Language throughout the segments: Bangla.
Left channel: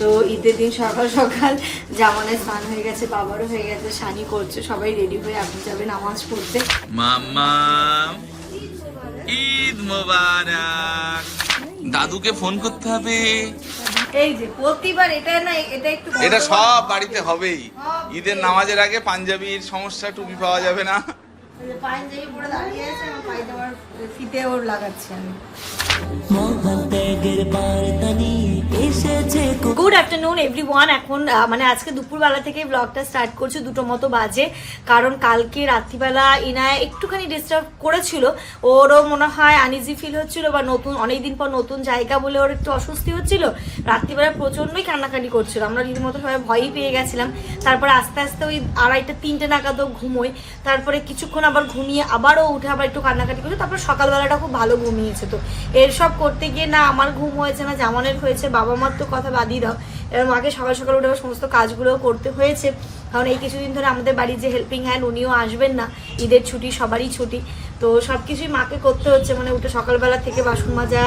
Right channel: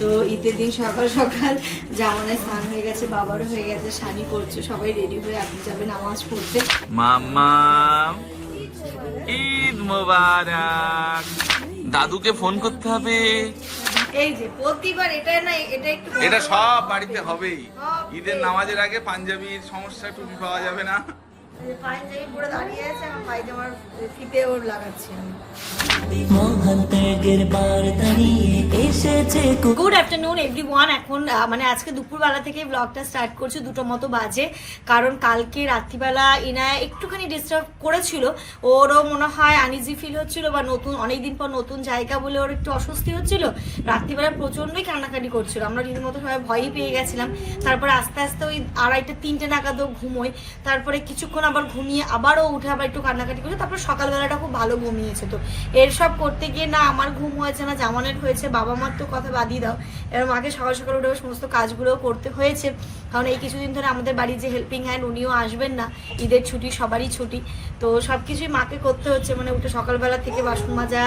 তো ঈদের দিন সকাল সকাল জামানের স্নান হয়ে গেছে বাবারও হয়ে গেছে শানি করছে সবাই রেডি হয়ে আপনি যাবে নামাজ পড়তে। মাম্মা ঈদ মোবারক। দাদুকে ফোন করতে হবে। এই যে প্রতিবার এটা না এটা একটু এটা সব বাড়িতে হবেই। ঈদের নামাজের আগে পাঞ্জাবির সমস্যা টুপি পাওয়া যাবে না। গুড আফটারনুন এভরিওয়ান এখন মানে আজকে দুপুরবেলা থেকে ব্লগটা স্টার্ট করছি দুটো মতো বাজে। কারণ কালকে রাত্রিবেলা ইনায় একটুখানি ডিস্টার্ব করেছিল। ওরও মনে হয় আনইজি ফিল হচ্ছিল বা নতুন অনেকদিন পর নতুন জায়গা বলে ওর একটু অস্বস্তি হচ্ছিল। রাত্রিবেলা প্রচন্ডই কান্নাকাটি করছিল। আমরা রীতিমতো সবাই ভয়ই পেয়ে গেছিলাম। তারপরে আস্তে আস্তে ওই আড়াইটা তিনটে নাগাদও ঘুমোই। তারপরে কিছুক্ষণ আবার ঘুমিয়ে আবারও উঠে আবার একটু কান্নাকাটি করছে তারপর সকালবেলাটা খুব ভালো ঘুমিয়েছে তো। এর সব করতে গিয়ে না, আমার ঘুম হয়েছে না, জামানের হয়েছে, বাবা মার তো কথা বাদই দাও। এবার মাকে সকাল সকাল উঠে সমস্ত কাজগুলো করতে হয়েছে। কারণ এই কিছুদিন ধরে আমাদের বাড়ির যে হেল্পিং হ্যান্ড উনিও আসবেন না। ঈদের ছুটি, সবারই ছুটি। তো সব কিছুই মাকে করতে হচ্ছে। মানে উঠে সকালবেলা থেকে বাসন মাজা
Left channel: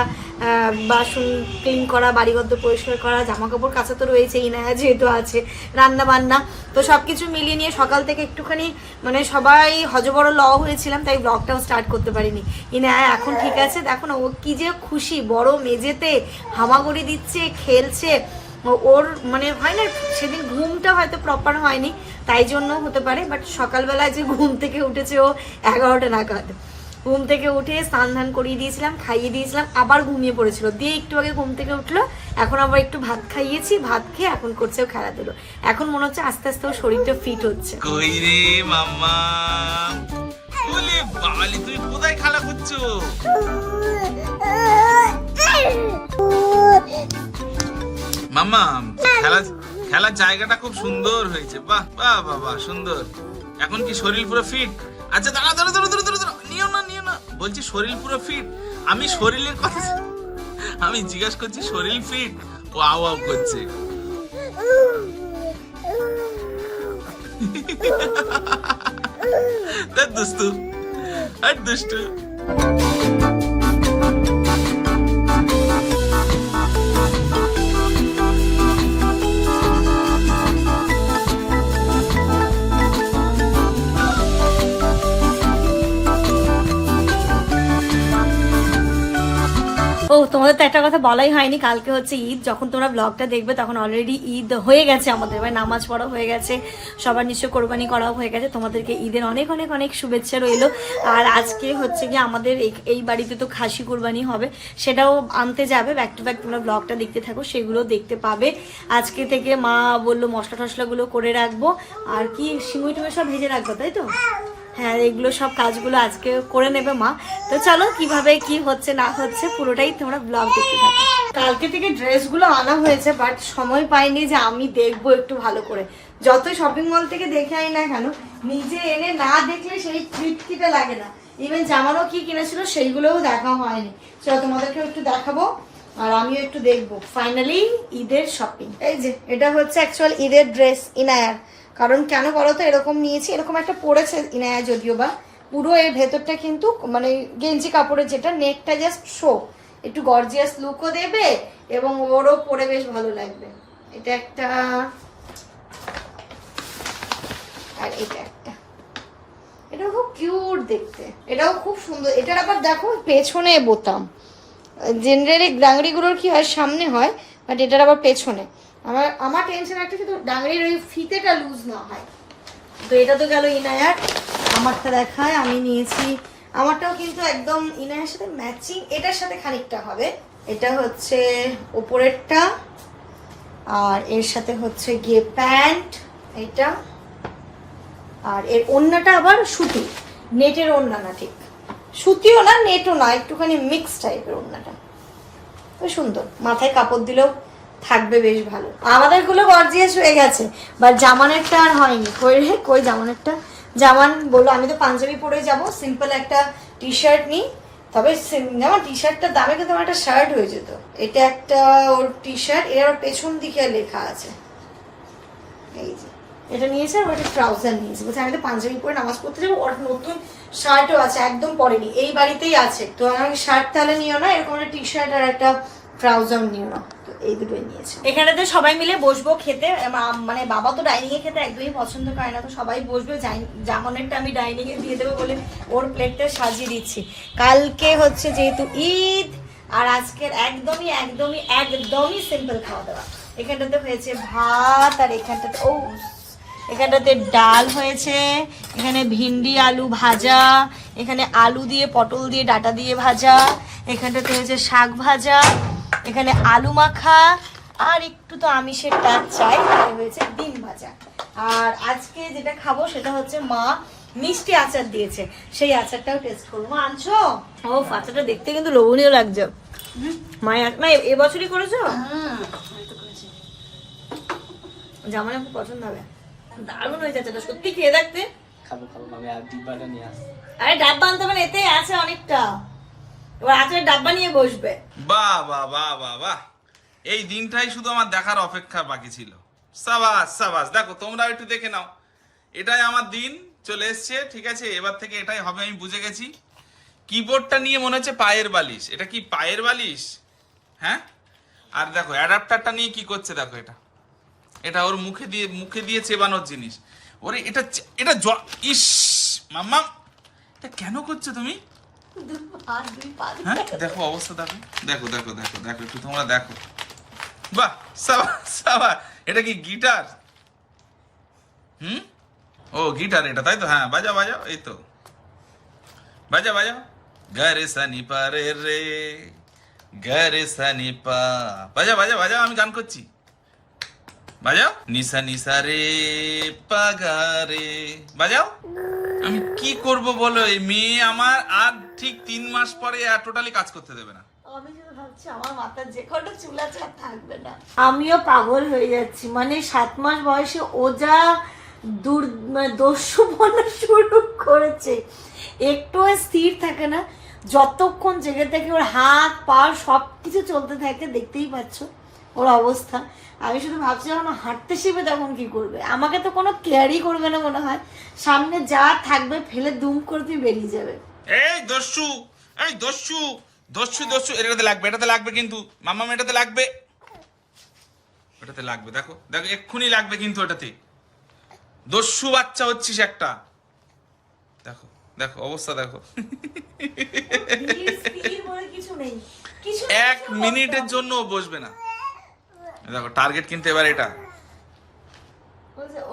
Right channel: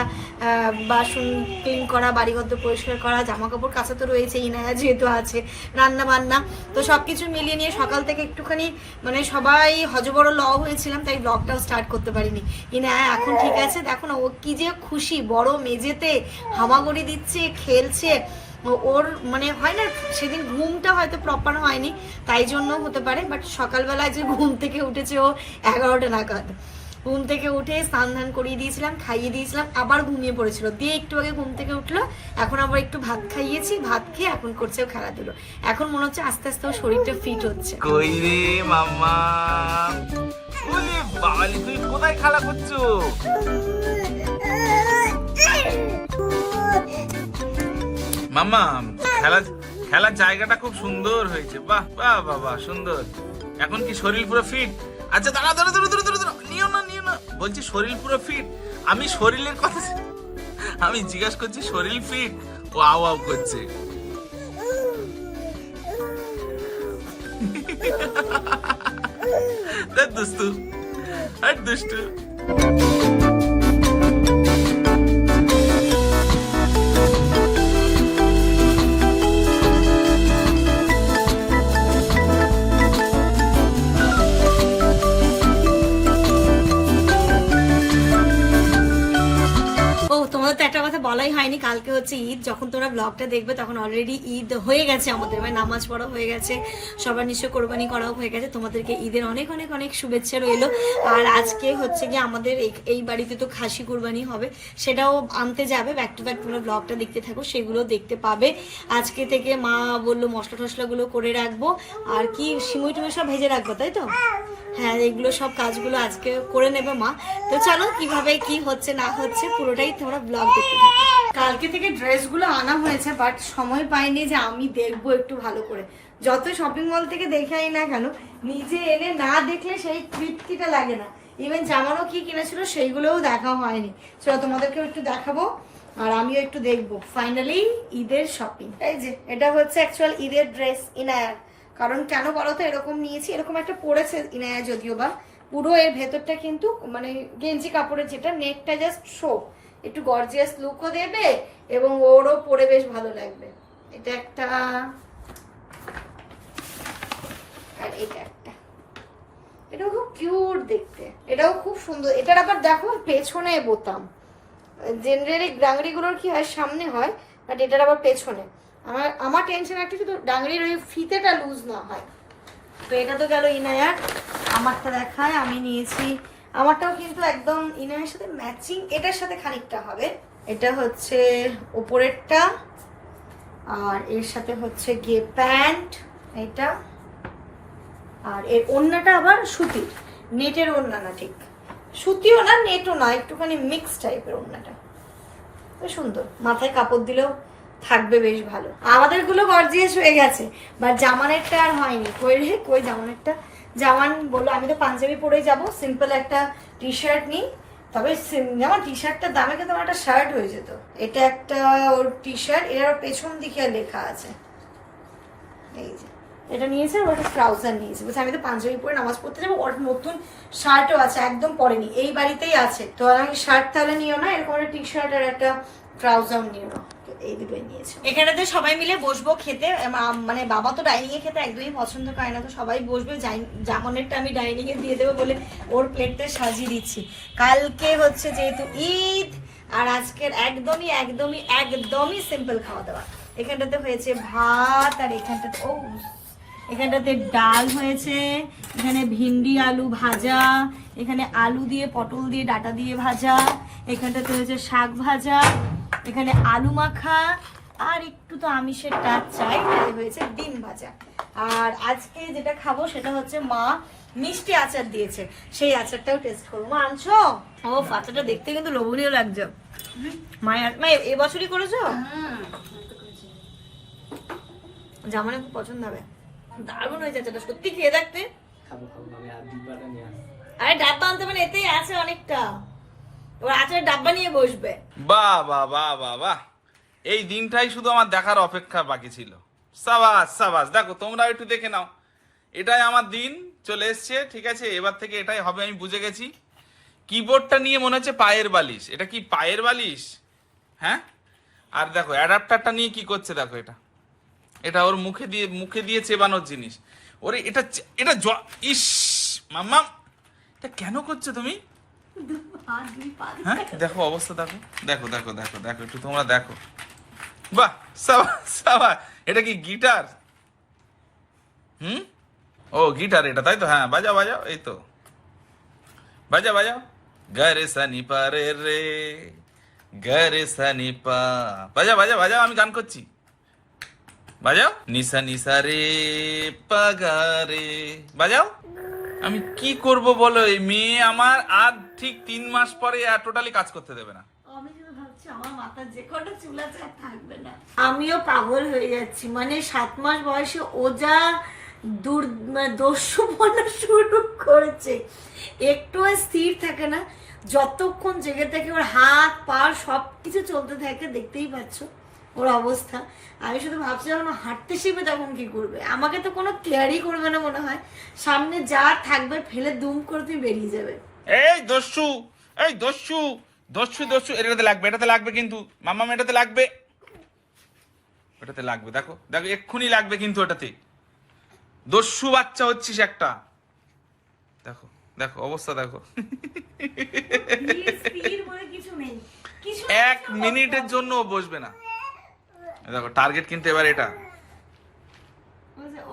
বাসন ক্লিন করা, বাড়িঘর পরিষ্কার করা জামা কাপড় কাচা তো রয়েছে ইনায়া যেহেতু আছে, রান্না বান্না। তো সব কিছু মিলিয়ে নিয়ে সকাল থেকে একটুখানি মানে সবাই হজবড় ল হয়েছিলাম, তাই ব্লগটাও স্টার্ট করতে পারিনি। ইনায়া এখন ঠিক আছে? দেখো না, ও কি যে খুশি, বড় মেঝেতে হামাগুড়ি দিচ্ছে, খেলছে। ওর মানে হয় না সেদিন ঘুমটা হয়তো প্রপার হয়নি তাই জন্য হতে পারে বাট সকালবেলায় যে ঘুম থেকে উঠেছে ও এগারোটা নাগাদ। ঘুম থেকে উঠে স্নান ধান করিয়ে দিয়েছিলাম খাইয়ে দিয়েছিলাম আবার ঘুমিয়ে পড়েছিল। দিয়ে একটু আগে ঘুম থেকে উঠল এখন আবার একটু ভাত খাইয়েছি ভাত খেয়ে এখন করছে ও খেলাধুলো। এখন মনে হচ্ছে আস্তে আস্তে ওর শরীরটা ফিট হচ্ছে। কই মাম্মা? বলে কোথায় খেলা করছ? মাম্মা, খেলা, খেলার জায়গাটা খুব সুন্দর হয়েছে। বাহ বাহ বাহ বাহ, সুন্দর। এখন কি শরীর পুরো ফিট আচ্ছা দাঁড়া দাঁড়া দাঁড়া দাঁড়া দাঁড়া নিও না নিও না। বলছি শরীর পুরো ফিট আমি শরীরের কথা আমি জিজ্ঞাসা করছি, শরীর ফিট ও আও আও করছে দুষ্টু। হাট দুষ্টু। বলাই হয়নি। কালকে হচ্ছে ঈদ। যখন তোমরা ব্লগটা দেখবে, তখন অলরেডি ঈদ হয়ে গেছে আমাদের। মানে নামাজ পড়া হয়ে গেছে। সবার নিশ্চয় কোরবানি করাও হয়ে গেছে। তোমাদেরকে ঈদের অনেক অনেক অনেক শুভেচ্ছা রইল। আর আজকে হচ্ছে গিয়ে আমাদের এই- বাড়িতে তো খাসি কোরবানি হবে। সেটাও আনতে যাবে। ব্যাক টু ব্যাক তোমরা ব্লগটা দেখতে থাকো, সেগুলো দেখতে পাবে। আজকে থেকে মা বলল মশলা টশলাগুলো করে রাখব। আর কি সিমুই টুমে সব ভেজে রাখব, তাই তো? হ্যাঁ এগুলো সব কাজগুলো আজকে করে নেবে মা। তো চলো, কীভাবে কি হচ্ছে, না হচ্ছে, পুরোটাই তোমরা ব্লগ দেখতে থাকো। কালকে থেকে ড্রেসগুলো আনা হয়েছে বাট সময় পাইনি যে আমি দেখব একটু ভালো করে। যতই শপিং মল থেকে দেখে আনি না কেন, নিজে এনে না দেখলে সেই তৃপ্তিটা লাগে না। ইভেন জামানো কি কিনেছিল, সেইগুলোও দেখা হয়নি। চলো, তোমাদেরকেও একটু দেখাবো, আর আমিও একটু দেখব। ফাইনালি ঈদের শপিং এই যে, এটা হচ্ছে অ্যাকচুয়াল ঈদের ড্রেস ইনায়ার কারণ কেন বলো তো, এরকম নিয়েছি, এরকম একটা পড়েছে ইনায়া যদিও বা। পুরো এর ভেতরটা কিন্তু মানে গেঞ্জি কাপড়ের যেটা, নেকটা জাস্ট শো একটু গর্জিয়াস লুকও দেবে এবং ওরও পরে বেশ ভালো লাগবে। এটা একটা আর এটা একটা। এটাও খুব কিউট দেখতে। এটাও খুব সুন্দর। এটার আবার দেখো, পেছনে বোতাম। জেনারেলি ডাংরিগুলোর কি হয়, সামনে হয় বাট এটার আবার পেছনে। আমার আমার টেনশন একটা শুধু ডাংরির ওই ফিতেটা লুজ না হয়। তো এটা তো গেল ইনায়ার আমারটা দেখায়, আমি নিয়েছি। আমারটাও কিন্তু একদম ইনায়ার সাথে ম্যাচিং এটার সাথে খানিকটা হবে। এটা হচ্ছে ওপরেরটা, আর এর সাথে হচ্ছে গিয়ে প্যান্ট, এটা। আর এর ওড়নাটা আবার সুতি, নেটের ওড়না না ঠিক। সুতিও না, নেটও না, একটুখানি মিক্স টাইপের তো সুন্দর, মাথায় কাপড় দিলেও থাকবে বেশ ভালো। আমাদেরগুলো গর্জিয়াস হয়ে গেছে বাট জামানেরটা আর হয়নি। কই রে, কই জামানেরটা? জামান বলল, আমি তো পাঞ্জাবি পরেই যাব সিম্পল একটা টি শার্ট নিই তবে যেমন টি শার্টটার দামে কিন্তু আমার একটা শার্ট হয়ে যেত। এটা একটা ওর টি শার্ট এর পেছন দিকে লেখা আছে। এই যে, এটা নিয়েছে আর একটা ট্রাউজার নিয়েছে। বলছে, আমি তো পাঞ্জাবি পরে নামাজ পড়তে যাব, ওর নতুন শার্টও আছে, একদম পরেনি। এই বাড়িতেই আছে। তো আমি শার্ট তাহলে নিও না, এরকম টি শার্ট আর একটা ট্রাউজার নিও না। তো এই দুটোই নিয়েছে। এখানেতে সবাই মিলে বসবো খেতে মানে বাবা তো ডাইনিং এ খেতে একদমই পছন্দ করে না, তো সবাই বসবে জামানেরটা আমি ডাইনিং এ দিয়ে দেবো বলে ওর প্লেটটা সাজিয়ে দিচ্ছি। কালকে হচ্ছে যেহেতু ঈদ, আর আজকের একদমই একদমই একদমই সিম্পল খাওয়া দাওয়া এখানটাতে হয়েছে ভাত, আর এখানটাতে, ও এখানটাতে ডাল হয়েছে এখানে ভিন্ডি আলু ভাজা এখানে আলু দিয়ে পটল দিয়ে ডাটা দিয়ে ভাজা এখানটাতে হয়েছে শাক ভাজা এখানে আলু মাখা আর একটু তো আমিষের টাচ চাই হয়েছে ডিম ভাজা। আর আজকে যেটা খাব সেটা হচ্ছে মা মিষ্টি আচার দিয়েছে সেই আচারটাও টেস্ট করব। মা আনছো? ও আচারটা দেখতে কিন্তু লোভনীয় লাগছে। মায়ের মা এবছরই করেছ? জামানে খুব পছন্দ হবে। দারুণ হয়েছে আচারটা সত্যি খেয়ে দেখতে। খাব খাব আমি আর ডিব্বাটা নিয়ে আসছি আরে ডাব্বা আনতে হবে না এতেই আছে অনেকটা। এবার আচারের ডাব্বা নিয়ে বসবে। বাহ বাহ বাহ বাহ বাহ। এই দিনটাই শুধু আমার দেখার অপেক্ষা বাকি ছিল। সাবাস সাবাস দেখো তোমরা একটু দেখে নাও। এটাই আমার দিন চলে এসছে ঠিক আছে? এবার থেকে এটাই হবে আমি বুঝে গেছি। কিবোর্ডটা নিয়ে মনে হচ্ছে পায়ের বালিশ। এটা কি পায়ের বালিশ? হ্যাঁ? আর দেখো অ্যাডাপ্টারটা নিয়ে কি করছে দেখো এটা। এটা ওর মুখে দিয়ে মুখে দিয়ে চেবানোর জিনিস। ওরে, এটা এটা ইস মাম্মা এটা কেন করছ তুমি? হ্যাঁ দেখো অবস্থা, দেখো। দেখো দেখো দেখো দেখো, একটু তোমরা দেখো। বাহ সাবাস সাবাস এটা কি গিটার? হুম? ও, গিটার এটা, তাই তো? হ্যাঁ বাজাও বাজাও, এই তো। বাজাও বাজাও। গারে সানি পারে রে গারে সানি পা। বাজাও বাজাও বাজাও, আমি গান করছি। বাজাও? নিসা নিসা রে পাগারে বাজাও? আমি কি করব বলো, এই মেয়ে আমার আর ঠিক তিন মাস পরে আর টোটালি কাজ করতে দেবে না। আমিও পাগল হয়ে যাচ্ছি মানে সাত মাস বয়সে ও যা দূর মানে দস্যুপনা শুরু করেছে। একটু স্থির থাকে না, যতক্ষণ জেগে থাকে ওর হাত, পা সব কিছু চলতে থাকে, দেখতেই পাচ্ছ ওর অবস্থা। আমি শুধু ভাবছি যখন ও হাঁটতে শিখবে তখন কি করবে? আমাকে তো কোনো কেয়ারই করবে না মনে হয়। সামনে যা থাকবে ফেলে দুম করে তুমি বেরিয়ে যাবে। এই দস্যু এই দস্যু দস্যু দস্যু এটাতে লাগবে এটাতে লাগবে কিন্তু মামা এটাতে লাগবে। এটাতে লাগবে দেখো দেখো এক্ষুনি লাগবে কিন্তু এটাতে। দস্যু বাচ্চা হচ্ছিস একটা। দেখো দেখো অবস্থা দেখো। এক মিনিটের জন্য বসবে না। দেখো টার্গেট কিন্তু এবার এটা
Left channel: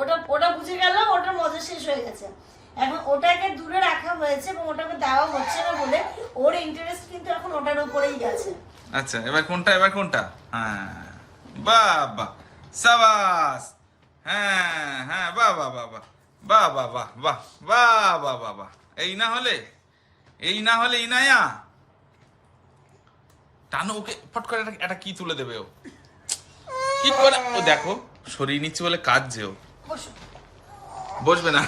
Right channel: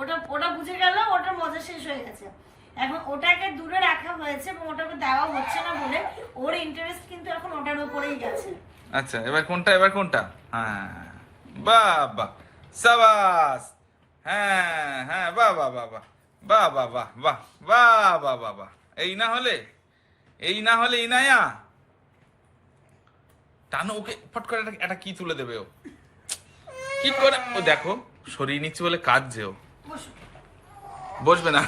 ওটা ওটা বুঝে গেল ওটার মজা শেষ হয়ে গেছে এখন ওটাকে দূরে রাখা হয়েছে এবং ওটাকে দেওয়া হচ্ছে না বলে ওর ইন্টারেস্ট কিন্তু এখন ওটার উপরেই গেছে আচ্ছা এবার কোনটা এবার কোনটা হ্যাঁ বাহ সাবাস হ্যাঁ হ্যাঁ বাহ বাহ বাহ বাহ বাহ বাহ বাহ বাহ বাহ বাহ বাহ বাহ এই না হলে এই না হলে ইনায়া টানো ওকে ফট করে একটা কি তুলে দেবে ও কি করে ও দেখো সরিয়ে নিচ্ছে বলে কাঁদছে ও। বসবে না।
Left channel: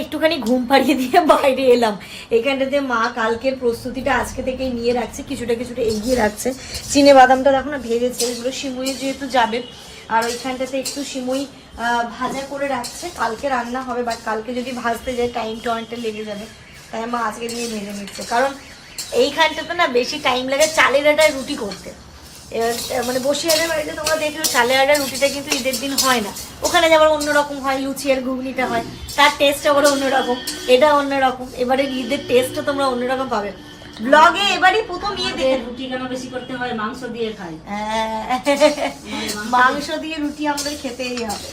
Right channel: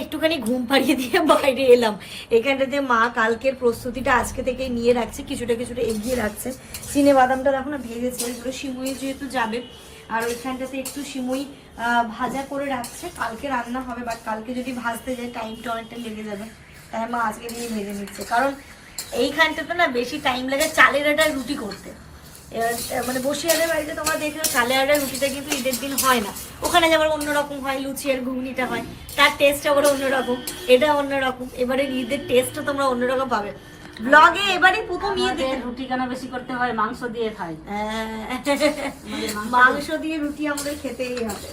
একটুখানি ঘুম পাড়িয়ে দিয়ে বাইরে এলাম। এখানটাতে মা কালকের প্রস্তুতিটা আজকে থেকে নিয়ে রাখছে কিছুটা কিছুটা এগিয়ে রাখছে। চিনে বাদামটা দেখো না ভেজেছে। এগুলো সিমুই যেহেতু যাবে আর ওইখানটাতে একটু সিমুই আহ, ভাজা করে রাখছে। কালকে রান্না হবে বাট কালকে যদি ভাজতে যায় টাইমটা অনেকটা লেগে যাবে। তাই মা আজকে দিয়ে ভেজে নিচ্ছে। কারণ এইখানটাতে না বেশি টাইম লাগে চালের আটায় রুটি করতে। এবার, মানে বসিয়াদের বাড়িতে তোমরা দেখল চালের আটার রুটিটা কিন্তু ঈদের দিন হয় না। ওখানে যাবার অন্যরকম হয় লুচি আর ঘুগনিটা হয় তার টেস্ট আবার অন্যরকম এটা অন্যরকম। এবারে ঈদের টেস্টও তোমরা অন্যরকম পাবে। ব্লগে এবারই প্রথম ইয়ে দেখে রুটি কেন বেশি করতে হয়? মাংস দিয়ে খাই। মাংস দিয়ে রুটি আমাদের খেতেই হবে।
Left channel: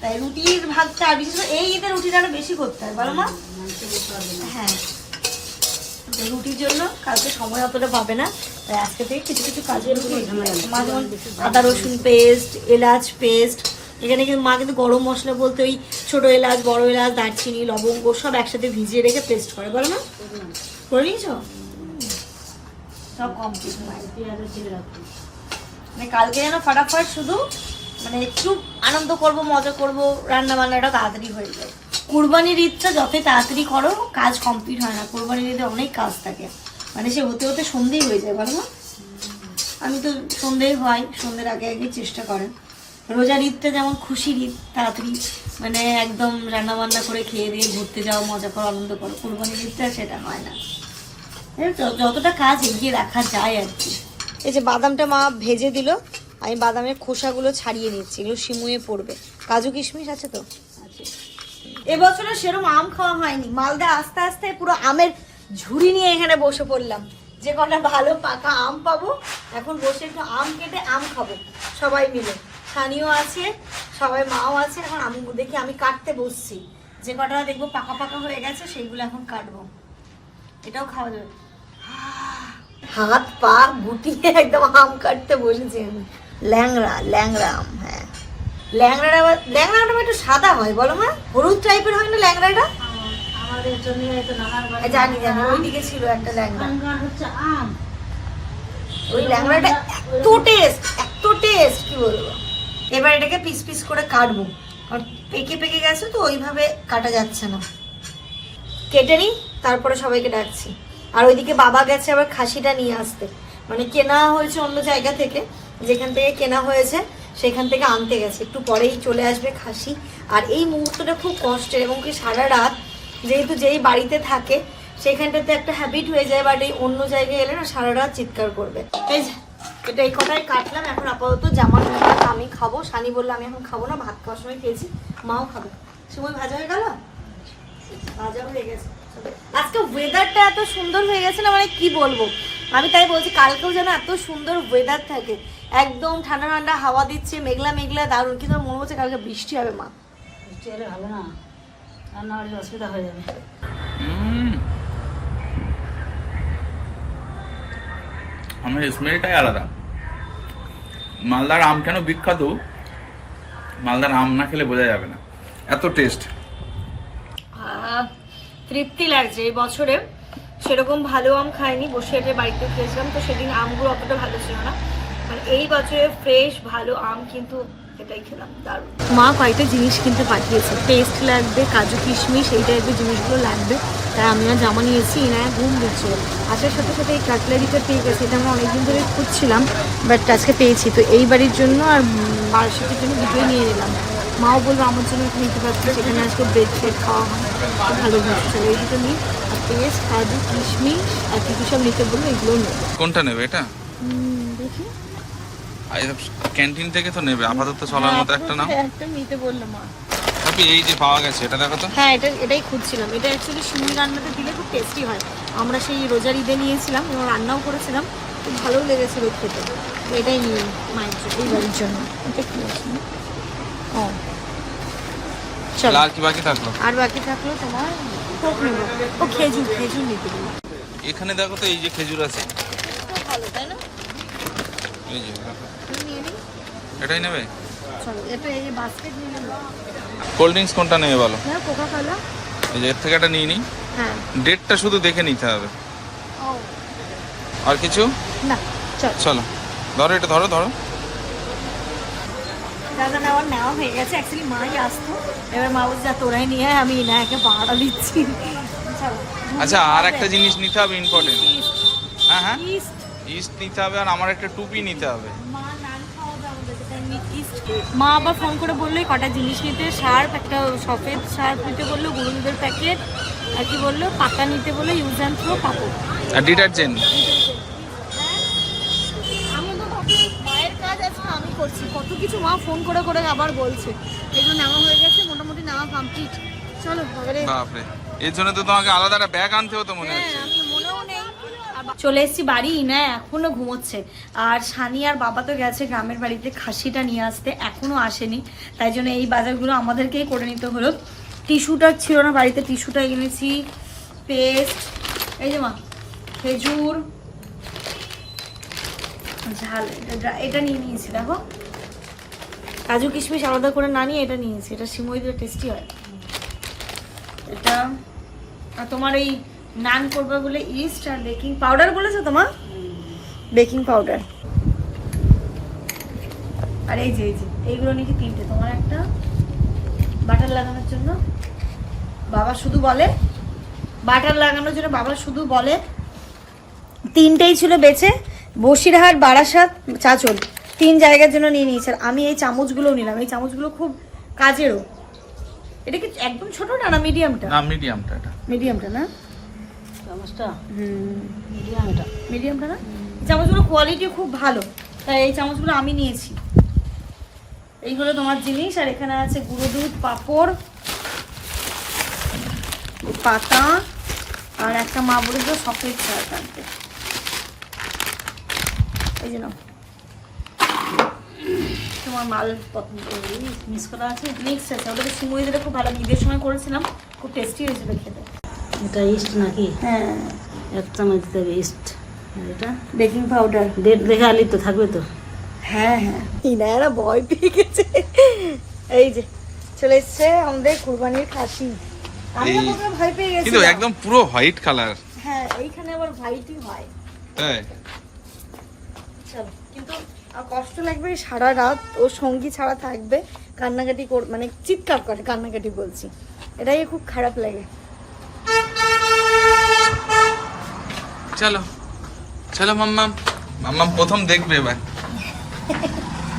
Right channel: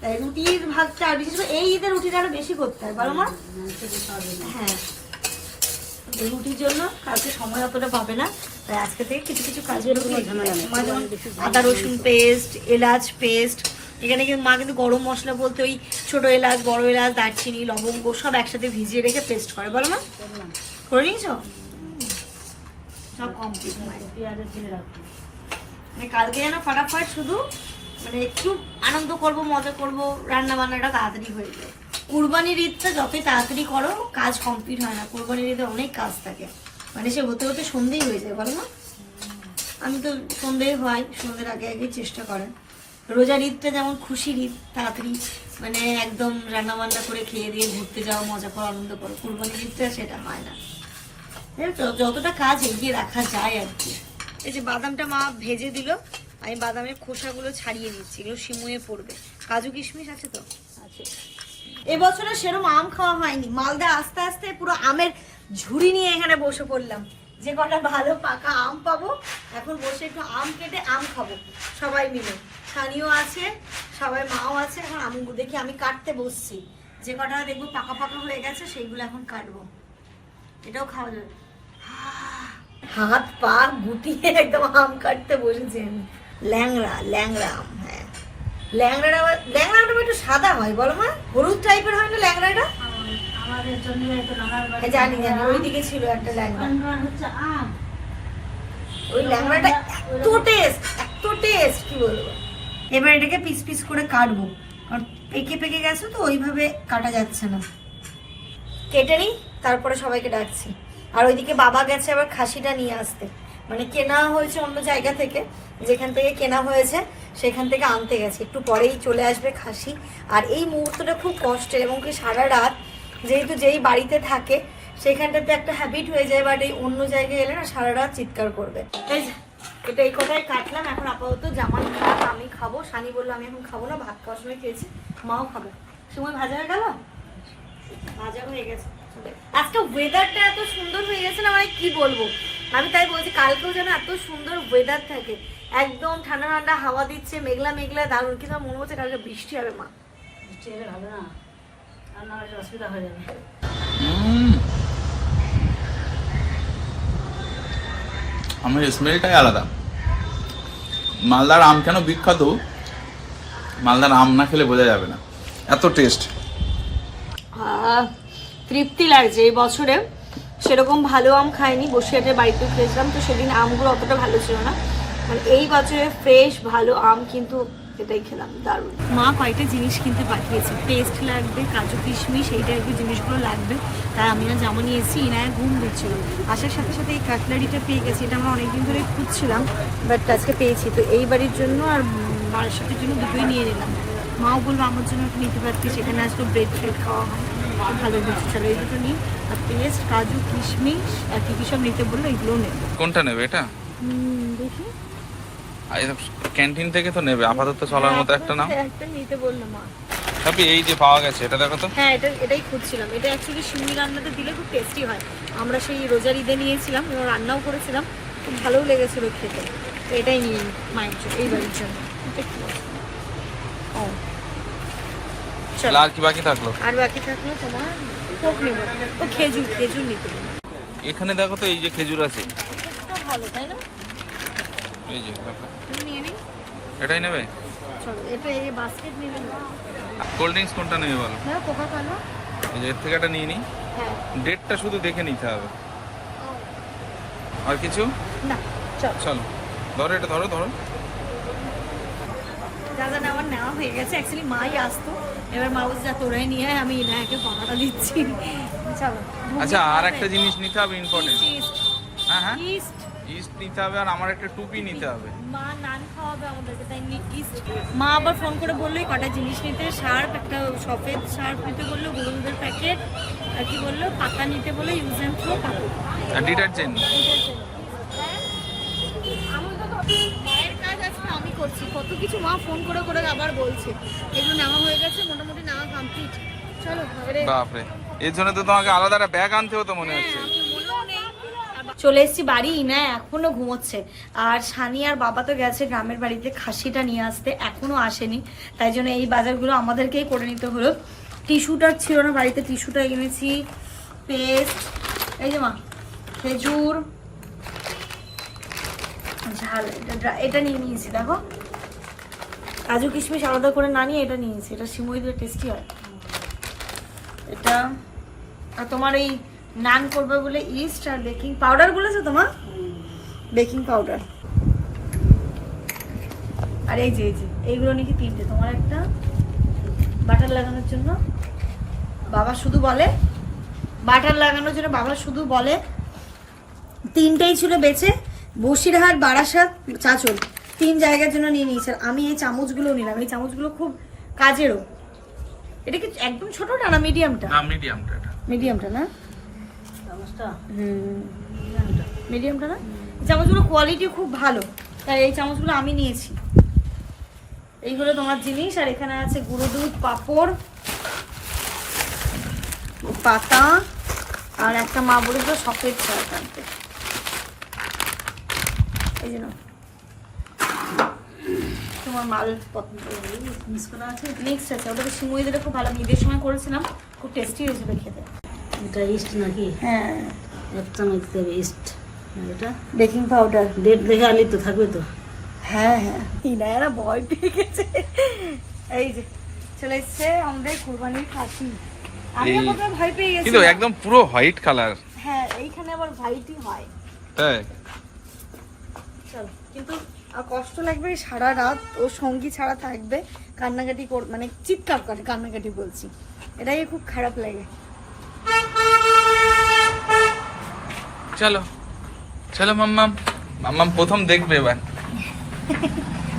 তাই রুটির ভাগটা আর বিশেষ করে এই ঈদের রুটিটা আরও বেশি করতে হয়? বলো মা। হ্যাঁ। রুটির জন্য কালকে সময় অতটা পাবে না। তাই আজকে থেকে কিছু কিছু কাজগুলো। মা যেমন আদা রসুন পেস্ট এলাচ পেস্ট এখানে কিন্তু মা কিন্তু গরম মশলা বলতে ওই ছোট এলাচ বড় এলাচ দারচিনি লবঙ্গ সব একসাথে ভিজিয়ে রেখে পেস্ট করে। বলো মা করে নিয়েছো? সব কমপ্লিট পেঁয়াজও মানে কালকে যেন ফাটাফাট শুধু মানে একটু আনন্দ করব মজা করব রান্না বান্নাটা তাড়াতাড়ি হয়ে যাবে কুরবানির ঈদটা যতই তাড়াতাড়ি করো, কাজ কমপ্লিট হয় না। কুরবানির ঈদে অনেক কাজ থাকে। মানে সে হতে হতে সন্ধেই হয়ে যায়, বলো না? আমি তো সন্ধেই হয়, সন্ধ্যের আগে আগে চেষ্টা করেন রোজার ঈদটা যেমন খুশির ঈদ, তাড়াতাড়ি মানে একদম রান্নাবান্না করে খেয়ে দিয়ে ঘুরতে যাও, মজা করো, আনন্দ করো, কুরবানির ঈদটা সেটা হয় না। যতটা কাজ এগিয়ে রাখা যায় আর কি। এই যে বাদামটা মা ভেজে দিল, আমি বাদামের খোসাগুলো ছাড়িয়ে নিচ্ছি, এগুলো শিমুয়ে পড়বে। কাজু কিশমিশ আছে তো? এবছরে সেরকম আম খাওয়া হয়নি। মালদা আস্তে আস্তে পুরো আমের ঝুড়ি নিয়ে এখানে বসে পড়লাম। যে কটা ভালো পাকা আম পাবো, এখন বসে একটু আম কেটে আম খাব, সবাই মিলে। স্থানীয় আছে, সবাই মাও আছে, এখন আমি দেখি আমি কাটতে বসছি। যে কটা দেখব পাকা পাকা হয়ে গেছে, সেইগুলো এখন কাটবো। এটাও খাওয়া যাবে। হাত পা গুটিয়ে একদম আম কাটতে বসেছি আমি। ল্যাংড়া ল্যাংড়া আম হ্যাঁ। ল্যাংড়াটা ল্যাংড়াটা একটু সাদা হয় বলো মা। হলুদ টাইপের হয় না ল্যাংড়াটা? হ্যাঁ, জানি জানি। ওইদিকে ছিল একটা ল্যাংড়া। ওই ল্যাংড়াটা এত টেস্ট এত টেস্ট কি বলব? এবার এটাকে পিস পিস করে কাটবো। কারণ পেকে পেকে গেছে তো ওইভাবে কাটা যাচ্ছে না। কেটে নিই তারপরে সবাইকে ডাকছি। আর ওইদিকে বাবা গেছে আবার খাসিটা নিয়ে আসতে। মানে কেনা হয়েছে অন্য জায়গা থেকে যেখান থেকে কেনা হয়েছে। সেখান থেকে আনতে গেছে। একটু পরেই চলে আসবে খাসি। আর এই মুহূর্তটা খুব কষ্টের এবং কি সারা রাত যেহেতু যেই বাড়িতে থাকে, সেখানটাতে একটা হ্যাবিট হয়ে যায় বাট এই অন্য জায়গায় এলে না সারা রাত চিৎকার করবে। এটা এই কটাই কাটলাম। এখন আপাতত জামার ভাত আমি খাব। সানি বলল, আমি এখন খাব না, ভাত খাওয়ার সময় খেয়েছি। মাও খাবে। সময় ভাজা হয়ে গেল? ভাজা হয়ে গেছে। আজকে ওয়েদারটা এত সুন্দর হয়ে গেছে না মানে কি বলব? আমি তাই বলছি কালকেও যেন এত সুন্দর ওয়েদার থাকে। একদম ঠান্ডা ঠান্ডা হাওয়া দিচ্ছে মেঘলা মেঘলা দারুণ। কিন্তু মনে হচ্ছে কালকে বৃষ্টি হবে মা। বৃষ্টি হলে ভালো না। হলে অসুবিধা হয়ে যাবে। আমার স্মেলটাই আলাদা। মালদার আম কেন বিখ্যাত? মালদার আম না খেলে বোঝা যাবে না। এত টেস্ট তৃপ্তি লাগছে। এই বছরে সেরকম ভালো আম খাইনি বসিরহাটের বাড়িতে খেয়েছিলাম, তো সেদিন আমগুলো অতটা ভালো ছিল না। মানে এই বছরে ফ্রেশ ভালো আম কিন্তু এটাই খেলাম, দারুণ। মা কয়েকটা জিনিস কিনতে পাঠিয়েছে। পেস্ট লাগবে, কাজু কিশমিশ, এই টাইপের জিনিসগুলো লাগবে। তাই আমিও জামা নিয়েছি ইনায়া ঘুম দিচ্ছিল আসার সাথে সাথে এই কাটলারিটা পেয়ে গেছি। এটা আমরা অনেকদিন ধরে খুঁজছিলাম বাট আজকে পেয়েছি। তো এই বাড়ির জন্য আর বারাসাতের জন্য দুটোই নিয়ে নিলাম। মাও বলব আমার জন্য একটা নিতে পারছি সেখানে আজকে ব্রেড ফ্রেড খাওয়া হয়। ভালো হচ্ছে চলো এই দুটো নিই। আর পেস্ট কাজু কিশমিশ আর কি কি সব নিতে বলল এগুলোও নেব। কোনটা নেবে এটা? দেখি। ক্যান্টিন থেকে তো নেবে। আপাতত চলার মতো একটা নাও। হ্যাঁ, একটা নিতে বলল মা। তারপরে এই যে পাওয়া গেছে এটা দেখো তো। হ্যাঁ এটা এটাই খুঁজছিলাম। এটা অ্যাকচুয়ালি শিমুল রান্নাতে দিলে খুব টেস্টি হয়। আমরা সেই রোজার ঈদে নিয়েছিলাম এবং রান্নাও করেছিলাম। খুব ভালোও লেগেছিল খেতে। এটাই নিয়ে মায়ের জন্য এই বাড়ির জন্য। চলো। আর কি বাকি থাকল? আর বাকি থাকলে তোমার কোক নেব। ও খেজুর খেজুর নিতে এখানে দেখো তো এই যে খেজুর আছে। ভালো তাই না? এই যে এটাই নেবে? এটা এই বাস্কেট নিলে কোল্ড ড্রিঙ্কস কোনটা নেবে বলো? না কোকা কোলা এই যে এর থেকে একটা নিয়ে নিই হ্যাঁ। ডেটটা শুধু দেখে নিতে হবে। আর কিছু? না চলো। ধরো এটা ধরো ধরো। যা নেওয়ার নেওয়া হয়ে গেছে। অ্যাকচুয়ালি মাই আসতো। এবার মা বলছে তোরাই নিয়ে আয়, আমি ইনায়াকে ভাড়া দিচ্ছি। চলো আচ্ছা আর একটা জিনিস নিতে হবে ইম্পর্টেন্ট হ্যাঁ হ্যাঁ। ইস্ট ইস্ট নিতে হবে আর আমার একটা টুপি নিতে হবে। মা নান খাওয়াবে আমাদেরকে তাই মা আবার ফোন করে বলল কটা জিনিস নিতে? শার্প একটা সফেদ শার্প নিতে বলল গুরুঙ্গের প্যাকেট আর কি বলল? পাতা নিতে বলল ইউজ অ্যান্ড থ্রো পাপড়। আর ডিটারজেন্ট ভাবছি মায়ের কাজ আজকে আমি করছি। কত কিছু মা ফোন করে করে আবার বলছে। এগুলো নেওয়া হয়ে গেছে কমপ্লিট চলো বাপরে। এর জন্য তো তোমাকে আলাদা একটা ব্যাগ আনতে হতো মনে হচ্ছে। চলে এসেছি বাড়ি। ইনা এখনও ঘুমোচ্ছে। আর সানি আর বাবা তো গেছে গ্রামের বাড়িতে খাসিটা নিয়ে আসতে। এখনও আসেনি। তাই জন্য এই বাজারগুলো আমাদেরকেই করে নিতে হলো। টিস্যুটা ছিল না বাড়িতে। টিস্যুটা এনেছি। পেস্ট। এই যে মা খেজুর। ঝাল। এটা এটা নিয়ে নিয়েছি দেখো। কাজু কিশমিশ আলাদা করে না নিয়ে এটা নিয়েছি। এটা সিমুই দিয়ে টেস্টি হয়। এটা, আর তোমার এই নান করবে বলে ইস্ট আর বেকিং পাউডার বলেছ তোমার? বেকিং পাউডার আর এই যে এই যে, এইগুলো নাকি তিনটে। তোমার একটা বাটার লাগানোর জন্য বাবা শুধু বলে বাটার লাগানোর জন্য বাবা শুধু বলে, তিনটেই ছিল বেচে বসিরহাট, বারাসাত চাচল তিন জায়গার জন্য নিয়ে নিয়েছে। আর আমি এই চামচগুলো নিলাম। এই চামচগুলো খুব কাজেরও। এটা কি একদম ছোটটা না মিডিয়ামটা না মিডিয়ামটা এটা। মিডিয়ামটা না? চামচটা? হুম। মিডিয়াম এটা মিডিয়ামটা না? এই চামচগুলো কোয়ালিটি খুব ভালো। তাই এই চামচগুলো আমি নিয়েছি। এই হলো তোমার জিনিস আর এখানে আছে গুঁড়ো দুধ পাঁপড় পাতা আর একটা মা বলেছিল সকেট ছাড়া থাকবে এই জন্য তোমার মাল মিস করা আছে? মিক্স আছে। ওটাতে সিমুই দিলে খুব ভালো। আমি ঈদের সময় করেছিলাম। খুব টেস্টি হয়েছিল খেতে। এটা ইস্ট নাকি? হ্যাঁ। এক চামচ দিতে ইস্ট এটা? বেকিং পাউডার ডেট দেখে আলি তো থাকবে তো। হ্যাঁ হ্যাঁ। ইনারা ভয় পেয়ে গেছে। এই যে চলে এসছে আমাদের কুরবানির খাসি আমি প্রথমে ভয় পেয়ে গেছি কিন্তু একদম পুরো হোয়াইট কালার হ্যাঁ এইখানে আবার হোয়াইটই হয়। চলো। কিন্তু আর কষ্ট লাগবে সারা রাত। ও সঙ্গী ছাড়া থাকবে কান্নাকাটি কর মানে চিৎকার করে কান্নাকাটি বলছি। এটাই খুব খারাপ লাগে। চলো। চলো মাম্মাম। মাম্মাম প্রথম দেখবে এবার।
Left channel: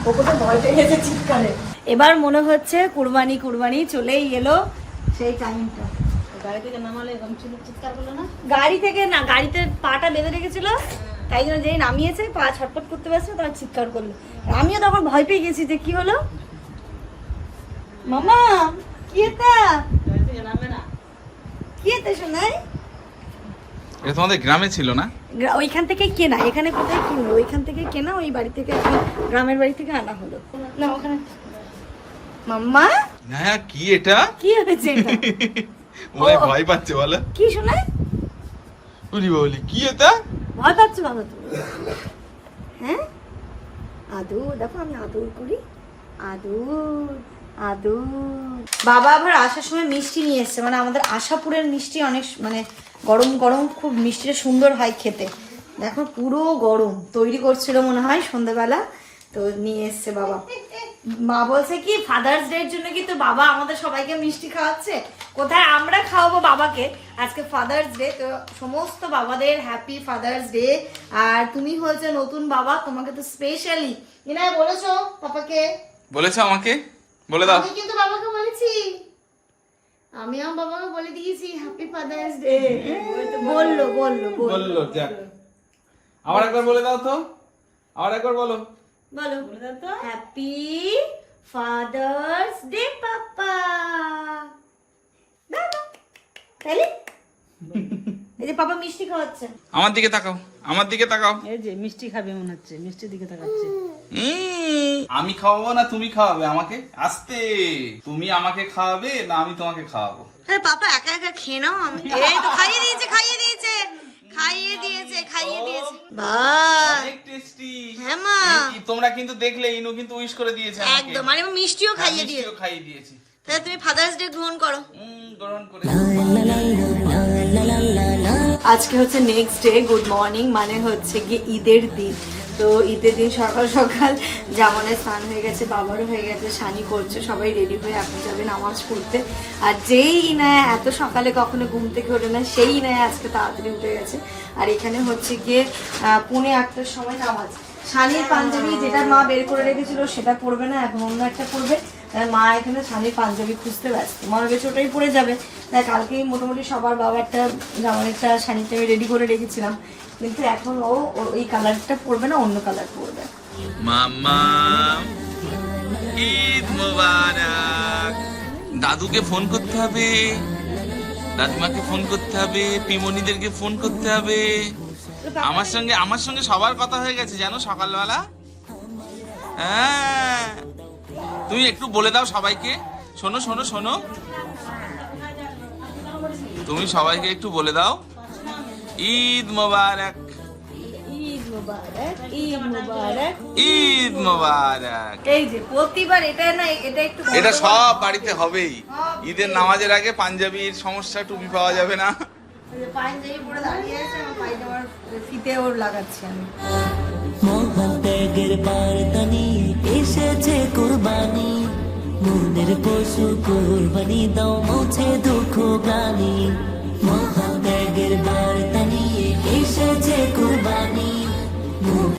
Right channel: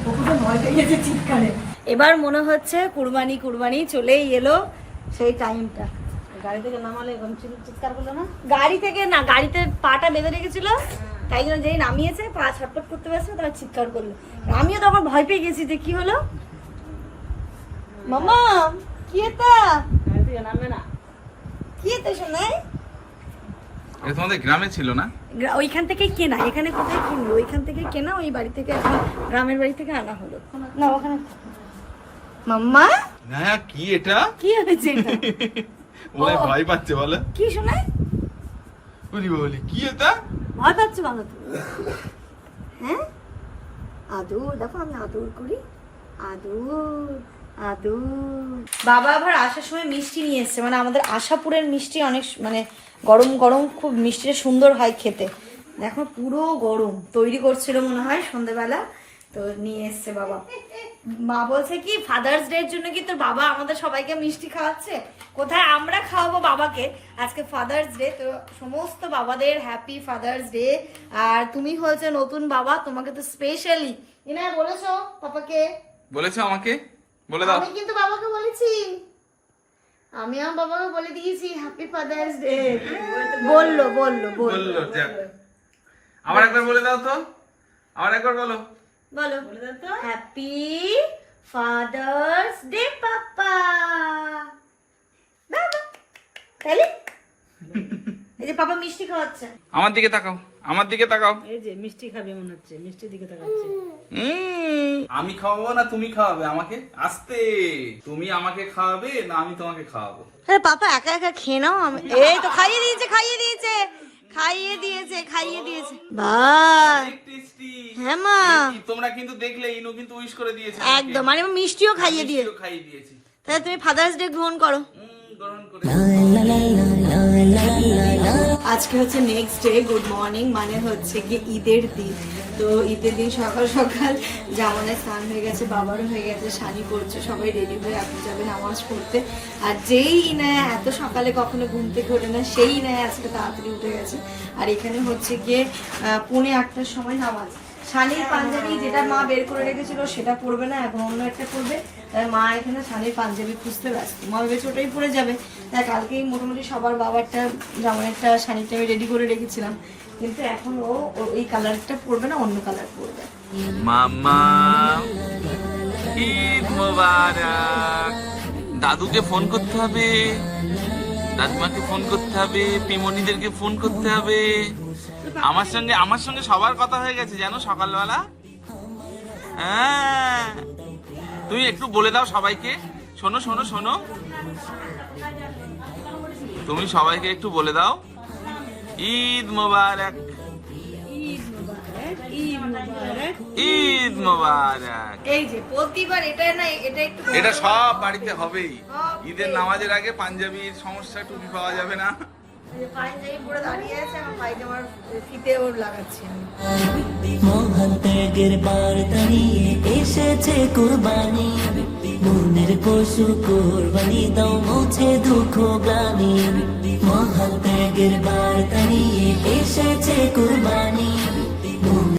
ওকে তো ভয় পেয়ে গেছে চিৎকারে। এবার মনে হচ্ছে কুরবানি কুরবানি চলেই এলো সেই টাইমটা। গাড়ি থেকে নামালে এরকম চিৎকার করল না? গাড়ি থেকে না গাড়িতে পাটা বেঁধে রেখেছিল? তাই জন্য যেই নামিয়েছে পা ছটপট করতে ব্যস্ত তারা চিৎকার করল। আমিও তখন ভয় পেয়ে গেছি যে কি হলো। মামা কি এটা? না কি এটা শোনাই এটা তোমাদের গ্রামে ছিল না? ওইখান থেকে কেনা এখানে কোথায় কিনলো ওইখান থেকে কেনা ওই বাড়ি থেকে এখন গ্রামের বাড়ি থেকে আনা হলো। না ওখানে মাম্মা? হ্যাঁ কি এটা? কি হয়েছে এটা? ওরাই ও। ভয় পাচ্ছে বলো। কি শোনায় বলি বলি কি এটা? ভয় পাচ্ছ কেন তুমি। হ্যাঁ? আদুর, দেখো আমি আদুর করি। আদুর আদুর। বাবা আবার আসার সময় মিষ্টি নিয়ে এসছে। মানে আমাদের আশাপুরের মিষ্টি অনেক মানে গরম গরম, খুব মিষ্টিটা সুন্দর হয় খেতে। দেখো পুরো গরম, তৈরি করছিল মনে হয় সন্ধ্যেবেলা তো নিয়ে এসছে বাবা। মা বলছে কি ফাদার্স ডে এর জন্য কি তোর বাবা আমাদের সবাইকে মিষ্টি খাওয়াচ্ছে? কোথায় আমরা খাওয়াবো বাবাকে? আজকে ফাদার্স ডে তো সমস্ত বাবাদের হ্যাপি ফাদার্স ডে আর তুমি হয়েছে নতুন বাবা তোমাকে তো স্পেশালি ইনায় বলেছ পাপাকে? বলেছ আমাকে? বলে দাও। আমি কিন্তু বাবাকে বলেছি। আমি আমার বাবাকে বলে দিয়েছি হ্যাপি ফাদার্স ডে বলল বলল। বলল যাক। আবার একবার বলে দাও তো। আবার একবার বলো। বলো। Happy father's day papa. তাহলে এই যে পাপা মিষ্টি খাওয়াচ্ছে। আমার দিকে তাকাও আমার দিকে তাকাও। এই যে মিষ্টি খাবে মনে হচ্ছে মিষ্টির দিকে তাকাচ্ছে। উম, আমি খাওয়াবো না তুমি খাওয়াবে আমাকে? আস্তে। তুমি আমাকে খাওয়াবে না আমি তোমাকে খাওয়াবো? আরে পাপা একা একা খেয়ে নাও। আমি এই তো খাইয়ে দিয়েছে খাইয়ে দিয়েছে। খাইয়ে দিয়েছে খাইয়ে দিয়েছে। ভাই টেস্টি হ্যাঁ মা। তোমরা কিন্তু দেখলে ইনু কিন্তু উইশ করে দিয়েছে একদম মানে মিষ্টিও খাইয়ে দিয়েছে। মিষ্টিও খাইয়ে দিয়েছি। তাহলে তুমি ফাদার্স ডে গ্রহণ করো। আজকে হচ্ছে নেক্সট ডে গুড মর্নিং মানে হচ্ছে গিয়ে ঈদের দিন। তো ঈদের দিন সকাল সকাল জামানের স্নান হয়ে গেছে বাবারও হয়ে গেছে শানি করছে সবাই রেডি হয়ে এখন যাবে নামাজ পড়তে। আর যেই ইনায় এত সকালে কখনো ঘুম থেকে ওঠে না সেই ইনায় আজকে তাড়াতাড়ি উঠে গেছে। আর এখানে হচ্ছে গিয়ে আহ, পৌনে আটটার সময় নামাজ। শানির পাঞ্জাবি যেটা মা বের করে রেখেছিল, সেটা পরবে না এখন অন্য একটা পরবে। তাই মা এখানে শানির পাঞ্জাবি খুঁজতে ব্যস্ত। মা ভেবেছে ওটাই পরে যাবে। তাই কালকেই মোটামুটি সবার বাবারটা যেমন একটা শাড়িটা আমি রেডি করে রেখেছিলাম। কিন্তু এখন ও, ও- এই কালারটা পরবে না, অন্য কালার পরবে। মোবারক। দাদুকে ফোন করতে হবে, দাদিমাকে ফোন করতে হবে, পিমনিদেরকে ফোন করতে হবে। আমার সঙ্গে আমার সঙ্গে সবার কথা হয়ে গেছে জানো সকালবেলা? হ্যাঁ। তুমি একটু বলে দাও সবাইকে। শোনো শোনো শোনো। তুমি সবাইকে একটু বলে দাও। ঈদ মোবারক। ঈদ মোবারক ঈদ মোবারক। ঈদ মোবারক। এই যে প্রতিবার এটা না এটা একটু এটা সব বাড়িতে হবেই। ঈদের নামাজের আগে পাঞ্জাবির সমস্যা টুপি পাওয়া যাবে না। পাঞ্জাবি পরে দাঁড়িয়ে আছে আমার পায়জামার ফিতে ওর লাগাচ্ছি আমি মহান ত্যাগের বার্তা নিয়ে এসেছে কুরবানি। মনের পশু কুরবানি, দাও মুছে দুঃখ গ্লানি। মহান ত্যাগের বার্তা এসেছে কুরবানি।